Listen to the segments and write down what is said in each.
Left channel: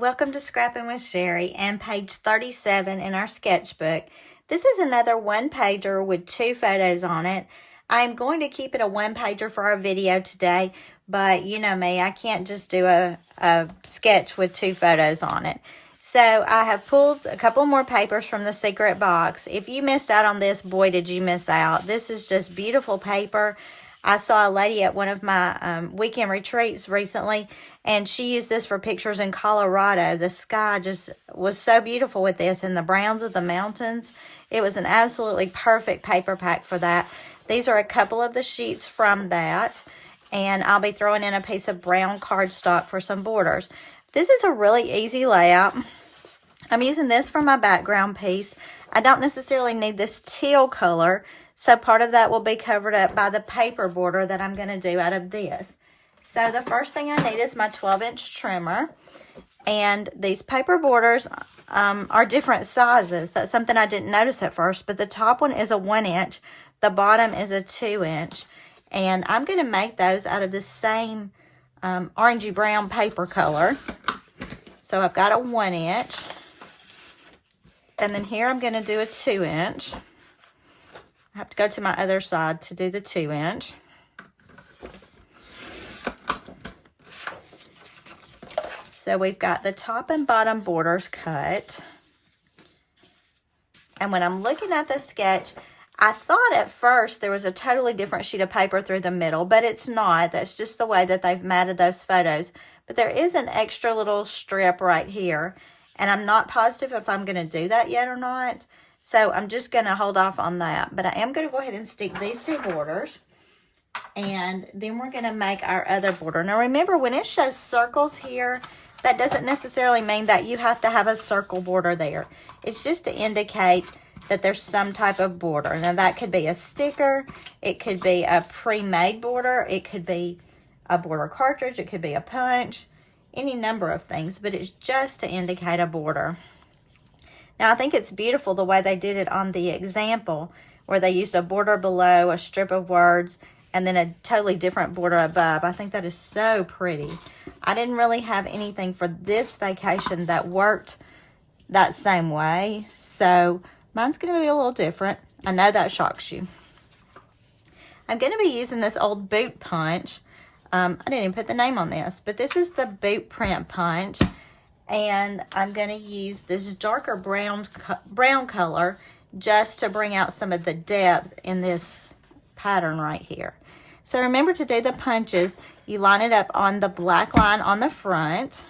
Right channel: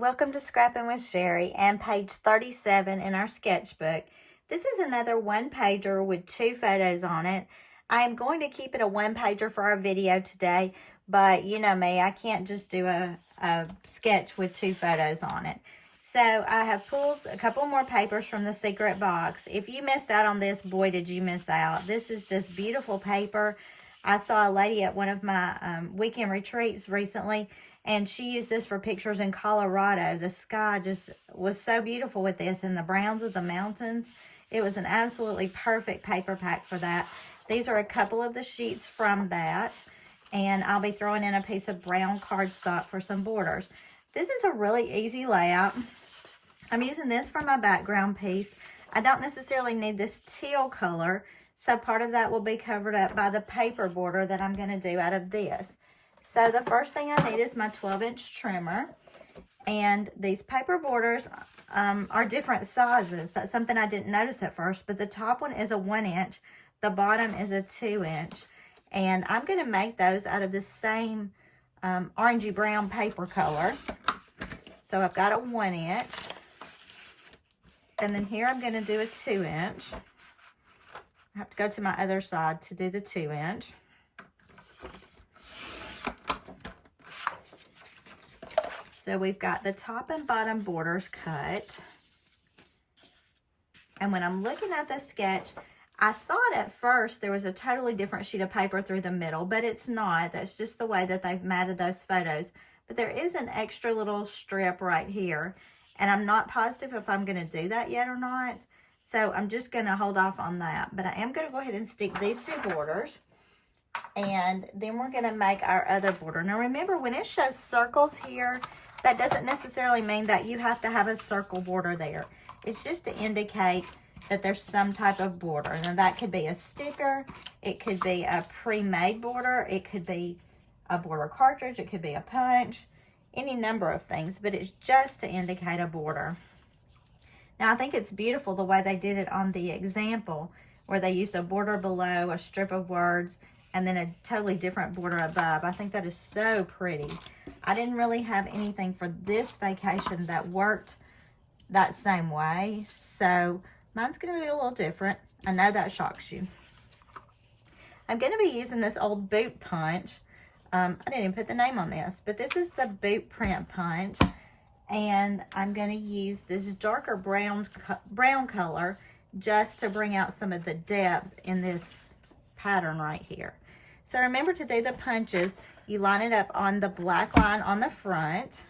Welcome to Scrappin with Sheri and page 37 in our sketchbook. This is another one-pager with 2 photos on it. I am going to keep it a one-pager for our video today, but you know me, I can't just do a sketch with 2 photos on it. So I have pulled a couple more papers from the secret box. If you missed out on this, boy, did you miss out. This is just beautiful paper. I saw a lady at one of my weekend retreats recently, and she used this for pictures in Colorado. The sky just was so beautiful with this, and the browns of the mountains. It was an absolutely perfect paper pack for that. These are a couple of the sheets from that, and I'll be throwing in a piece of brown cardstock for some borders. This is a really easy layout. I'm using this for my background piece. I don't necessarily need this teal color, so part of that will be covered up by the paper border that I'm going to do out of this. So the first thing I need is my 12-inch trimmer. And these paper borders are different sizes. That's something I didn't notice at first. But the top one is a 1-inch. The bottom is a 2-inch. And I'm going to make those out of the same orangey brown paper color. So I've got a 1-inch. And then here I'm going to do a 2-inch. I have to go to my other side to do the 2-inch. So we've got the top and bottom borders cut. And when I'm looking at the sketch, I thought at first there was a totally different sheet of paper through the middle, but it's not. That's just the way that they've matted those photos. But there is an extra little strip right here, and I'm not positive if I'm going to do that yet or not. So I'm just going to hold off on that. But I am going to go ahead and stick these 2 borders. And then we're going to make our other border. Now remember, when it shows circles here, that doesn't necessarily mean that you have to have a circle border there. It's just to indicate that there's some type of border. Now that could be a sticker. It could be a pre-made border. It could be a border cartridge. It could be a punch. Any number of things. But it's just to indicate a border. Now, I think it's beautiful the way they did it on the example, where they used a border below, a strip of words, and then a totally different border above. I think that is so pretty. I didn't really have anything for this vacation that worked that same way, so mine's going to be a little different. I know that shocks you. I'm going to be using this old boot punch. I didn't even put the name on this, but this is the boot print punch. And I'm going to use this darker brown color just to bring out some of the depth in this pattern right here. So remember, to do the punches, you line it up on the black line on the front.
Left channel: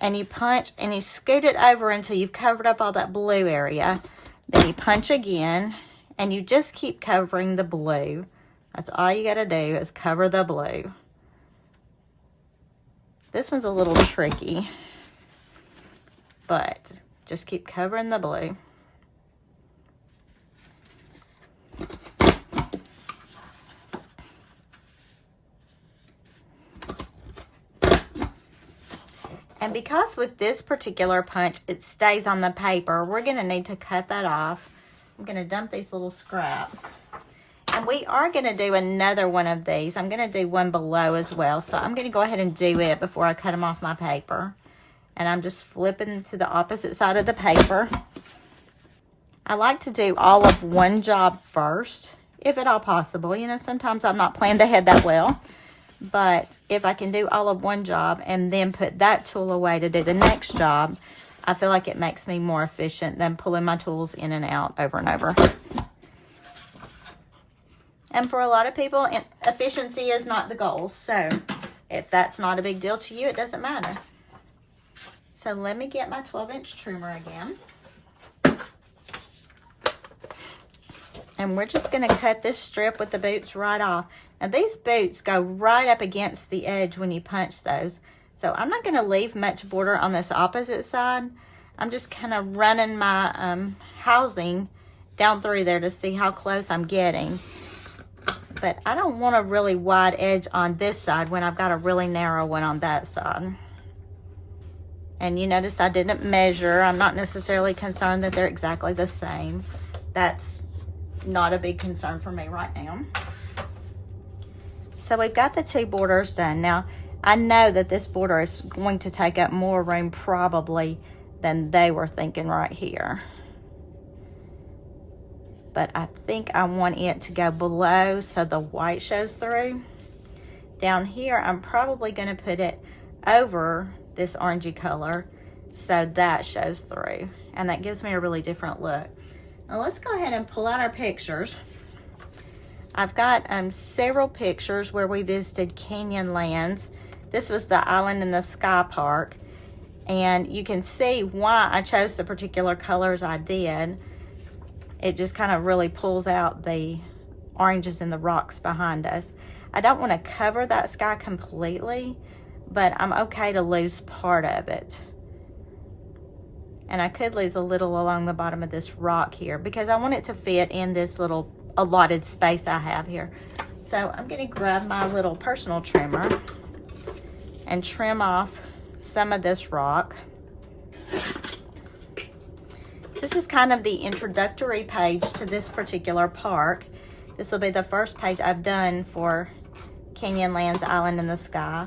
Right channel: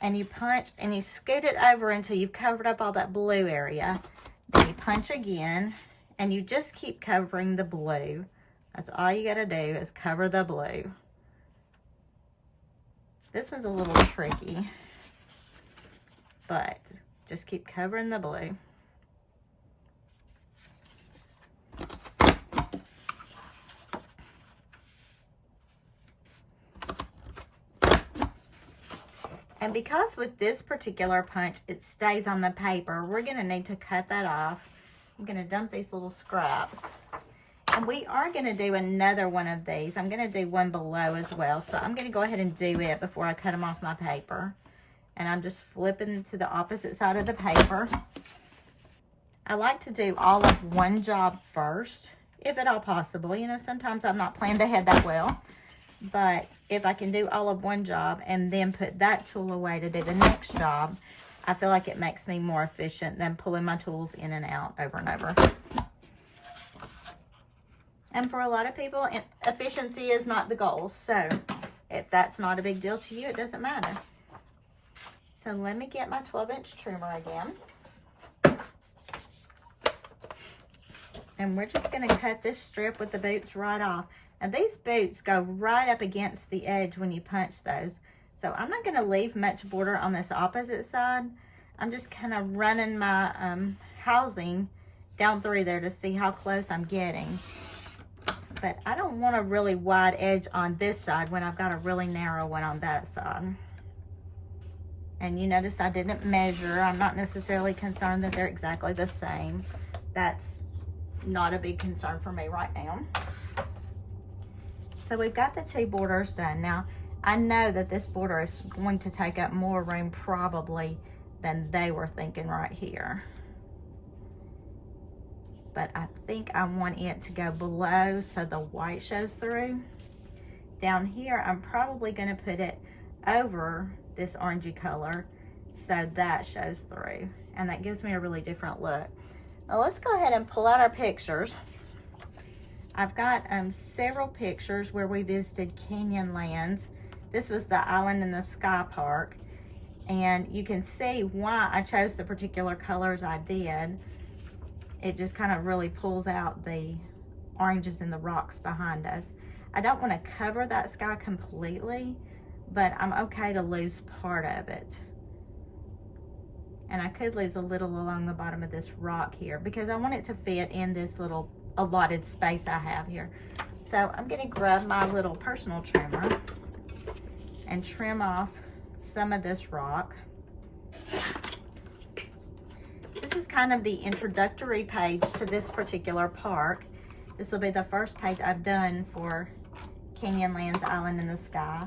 And you punch and you scoot it over until you've covered up all that blue area. Then you punch again and you just keep covering the blue. That's all you got to do is cover the blue. This one's a little tricky, but just keep covering the blue. And because with this particular punch, it stays on the paper, we're going to need to cut that off. I'm going to dump these little scraps. And we are going to do another one of these. I'm going to do one below as well. So I'm going to go ahead and do it before I cut them off my paper. And I'm just flipping to the opposite side of the paper. I like to do all of one job first, if at all possible. You know, sometimes I'm not planned ahead that well. But if I can do all of one job and then put that tool away to do the next job, I feel like it makes me more efficient than pulling my tools in and out over and over. And for a lot of people, efficiency is not the goal. So if that's not a big deal to you, it doesn't matter. So let me get my 12-inch trimmer again. And we're just going to cut this strip with the boots right off. Now these boots go right up against the edge when you punch those. So I'm not going to leave much border on this opposite side. I'm just kind of running my housing down through there to see how close I'm getting. But I don't want a really wide edge on this side when I've got a really narrow one on that side. And you notice I didn't measure. I'm not necessarily concerned that they're exactly the same. That's not a big concern for me right now. So we've got the 2 borders done. Now, I know that this border is going to take up more room probably than they were thinking right here. But I think I want it to go below so the white shows through. Down here, I'm probably going to put it over this orangey color so that shows through. And that gives me a really different look. Now let's go ahead and pull out our pictures. I've got several pictures where we visited Canyonlands. This was the Island in the Sky Park. And you can see why I chose the particular colors I did. It just kind of really pulls out the oranges in the rocks behind us. I don't want to cover that sky completely, but I'm okay to lose part of it. And I could lose a little along the bottom of this rock here because I want it to fit in this little allotted space I have here. So I'm going to grab my little personal trimmer and trim off some of this rock. This is kind of the introductory page to this particular park. This will be the first page I've done for Canyonlands Island in the Sky.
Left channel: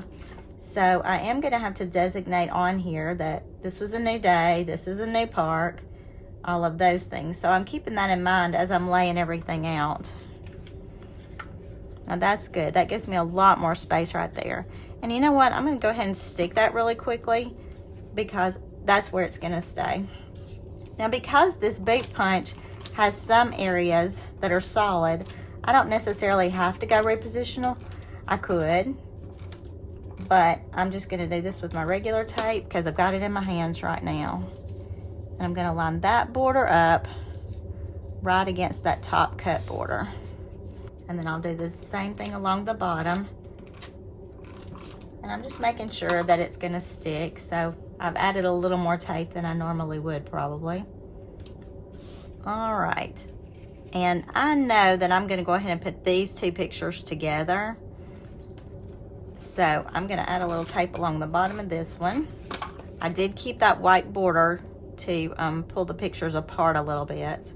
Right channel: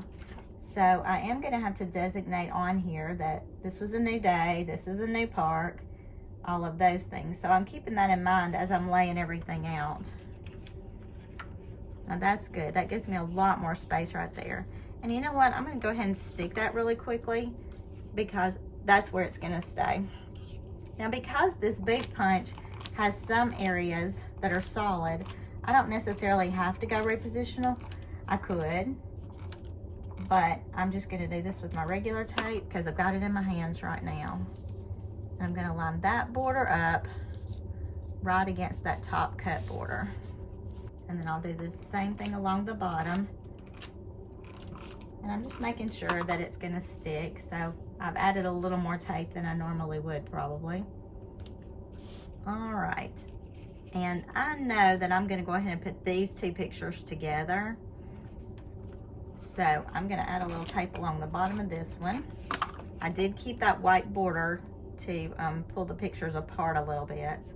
So I am going to have to designate on here that this was a new day, this is a new park, all of those things. So I'm keeping that in mind as I'm laying everything out. Now that's good. That gives me a lot more space right there. And you know what? I'm going to go ahead and stick that really quickly because that's where it's going to stay. Now because this boot punch has some areas that are solid, I don't necessarily have to go repositional. I could, but I'm just going to do this with my regular tape because I've got it in my hands right now. And I'm going to line that border up right against that top cut border. And then I'll do the same thing along the bottom. And I'm just making sure that it's going to stick. So I've added a little more tape than I normally would probably. All right. And I know that I'm going to go ahead and put these two pictures together. So I'm going to add a little tape along the bottom of this one. I did keep that white border to pull the pictures apart a little bit.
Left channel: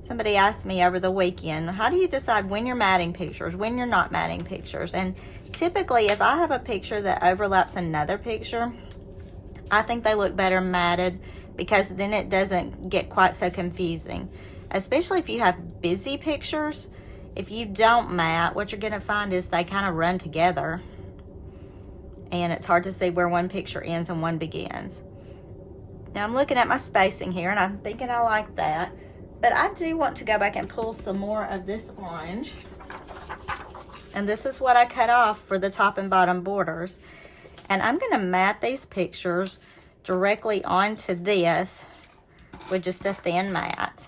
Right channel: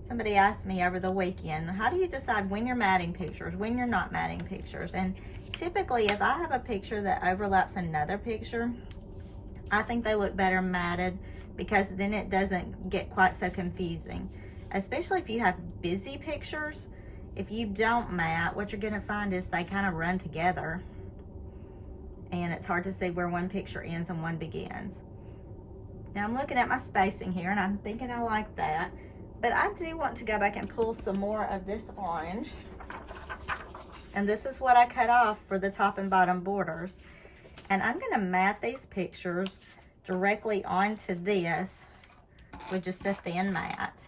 Somebody asked me over the weekend, how do you decide when you're matting pictures, when you're not matting pictures? And typically, if I have a picture that overlaps another picture, I think they look better matted because then it doesn't get quite so confusing. Especially if you have busy pictures. If you don't mat, what you're going to find is they kind of run together. And it's hard to see where one picture ends and one begins. Now I'm looking at my spacing here and I'm thinking I like that. But I do want to go back and pull some more of this orange. And this is what I cut off for the top and bottom borders. And I'm going to mat these pictures directly onto this with just a thin mat.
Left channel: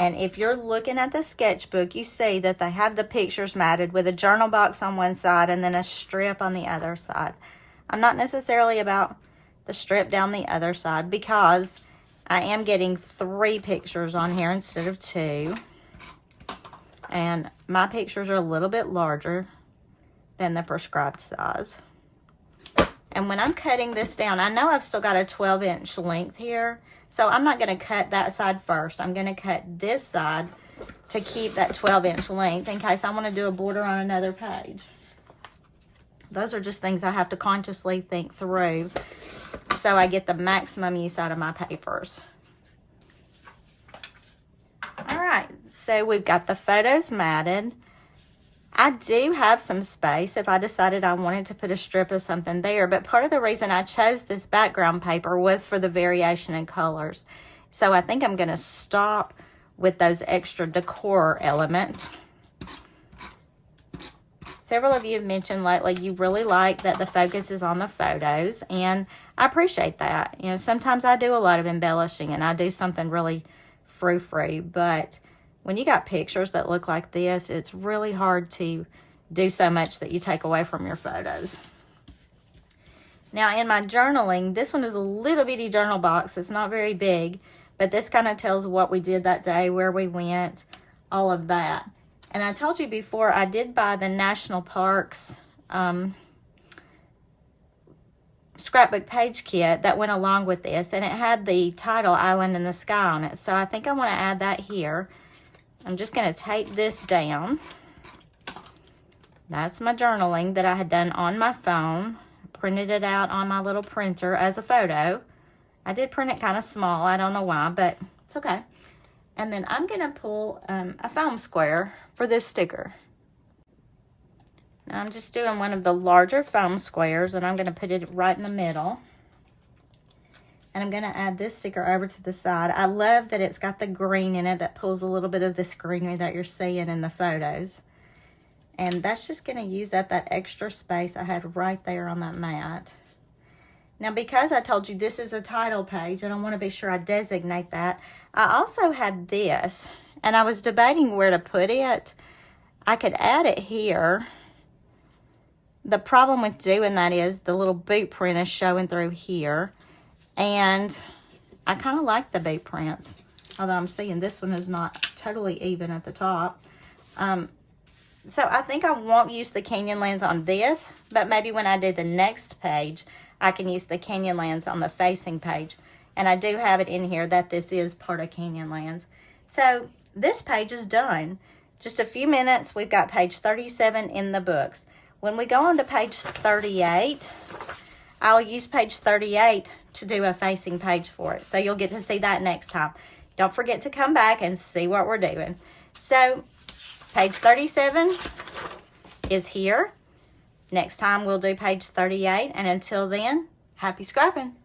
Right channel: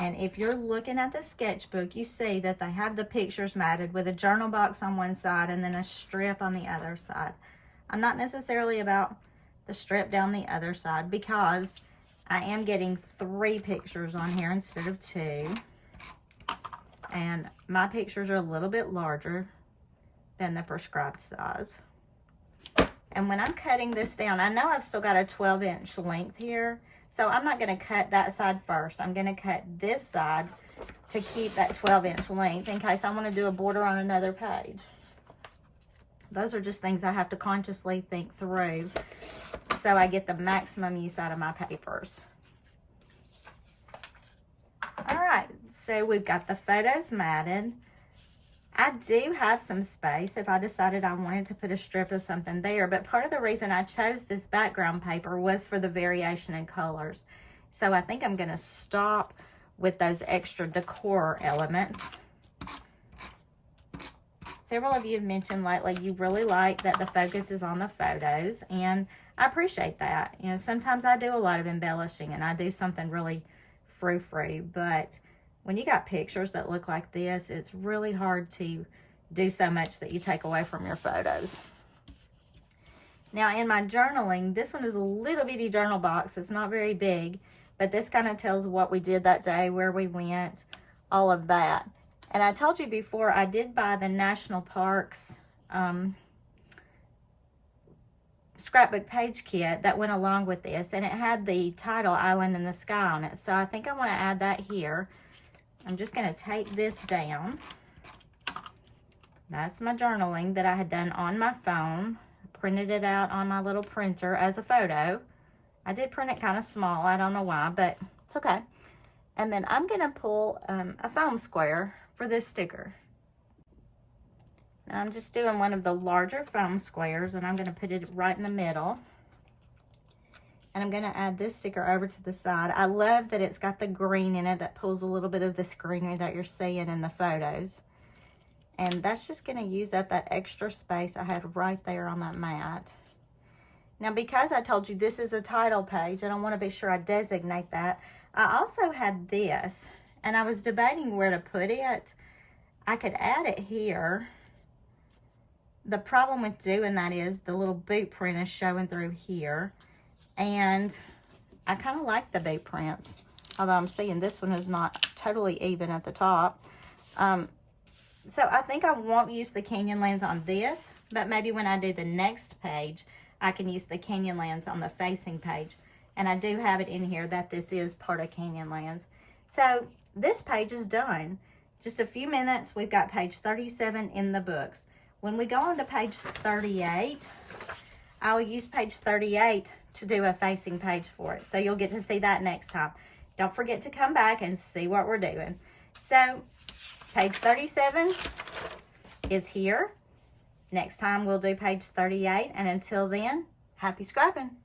And if you're looking at the sketchbook, you see that they have the pictures matted with a journal box on one side and then a strip on the other side. I'm not necessarily about the strip down the other side because I am getting 3 pictures on here instead of 2. And my pictures are a little bit larger than the prescribed size. And when I'm cutting this down, I know I've still got a 12-inch length here. So I'm not going to cut that side first. I'm going to cut this side to keep that 12-inch length in case I want to do a border on another page. Those are just things I have to consciously think through so I get the maximum use out of my papers. All right, so we've got the photos matted. I do have some space if I decided I wanted to put a strip of something there, but part of the reason I chose this background paper was for the variation in colors. So I think I'm going to stop with those extra decor elements. Several of you have mentioned lately you really like that the focus is on the photos, and I appreciate that. You know, sometimes I do a lot of embellishing and I do something really frou-frou, but when you got pictures that look like this, it's really hard to do so much that you take away from your photos. Now in my journaling, this one is a little bitty journal box. It's not very big, but this kind of tells what we did that day, where we went, all of that. And I told you before, I did buy the National Parks scrapbook page kit that went along with this, and it had the title Island in the Sky on it. So I think I want to add that here. I'm just going to tape this down That's my journaling that I had done on my phone. Printed it out on my little printer as a photo. I did print it kind of small. I don't know why, but it's okay. And then I'm going to pull a foam square for this sticker. Now I'm just doing one of the larger foam squares, and I'm going to put it right in the middle. And I'm going to add this sticker over to the side. I love that it's got the green in it that pulls a little bit of this greenery that you're seeing in the photos. And that's just going to use up that extra space I had right there on that mat. Now, because I told you this is a title page, and I want to be sure I designate that, I also had this, and I was debating where to put it. I could add it here. The problem with doing that is the little boot print is showing through here, and I kind of like the boot prints, although I'm seeing this one is not totally even at the top. So I think I won't use the Canyonlands on this, but maybe when I do the next page, I can use the Canyonlands on the facing page. And I do have it in here that this is part of Canyonlands. So this page is done. Just a few minutes, we've got page 37 in the books. When we go on to page 38, I'll use page 38 to do a facing page for it. So you'll get to see that next time. Don't forget to come back and see what we're doing. So page 37 is here. Next time we'll do page 38. And until then, happy scrapping.